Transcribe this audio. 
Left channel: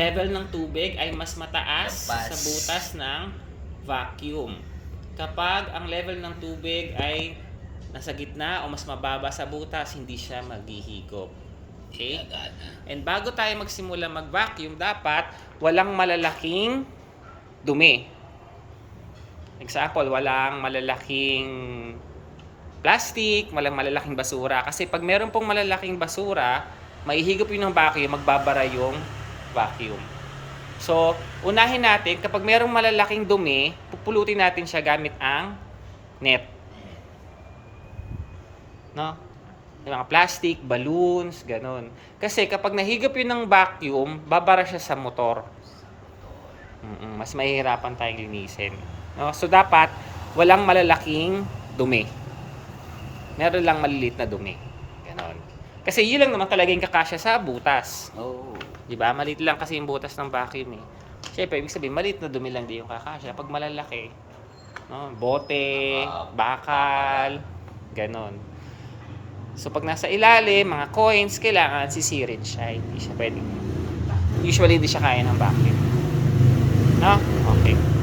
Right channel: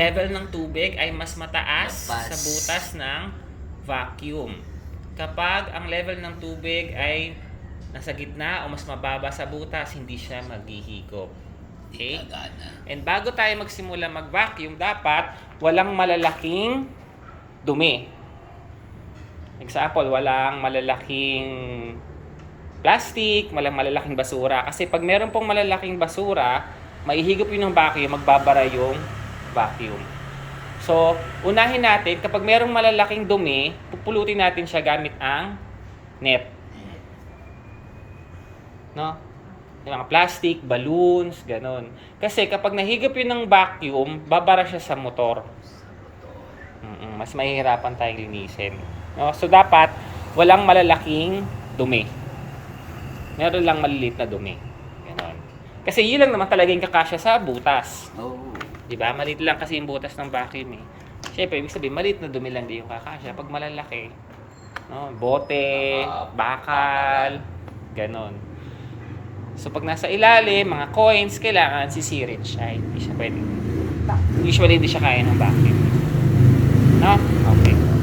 level ng tubig ay mas mataas Lampas. sa butas ng vacuum. Kapag ang level ng tubig ay nasa gitna o mas mababa sa butas, hindi siya maghihigop. Okay? And bago tayo magsimula mag-vacuum, dapat walang malalaking dumi. Example, walang malalaking plastic, walang malalaking basura. Kasi pag meron pong malalaking basura, maihigop yun ng vacuum, magbabara yung vacuum. So, unahin natin, kapag merong malalaking dumi, pupulutin natin siya gamit ang net. No? Yung mga plastic, balloons, ganun. Kasi kapag nahigop yun ng vacuum, babara siya sa motor. Mas mahihirapan tayong linisin. No? So, dapat walang malalaking dumi. Meron lang maliliit na dumi. Ganon. Kasi yun lang naman talaga yung kakasya sa butas. Oh. Diba? Maliit lang kasi yung butas ng vacuum eh. Siyempre, ibig sabihin, maliit na dumi lang di yung kakasya. Pag malalaki, no? Bote, bakal, ganon. So, pag nasa ilalim, mga coins, kailangan sisirit siya. Hindi siya pwede. Usually, hindi siya kaya ng vacuum. No? Okay.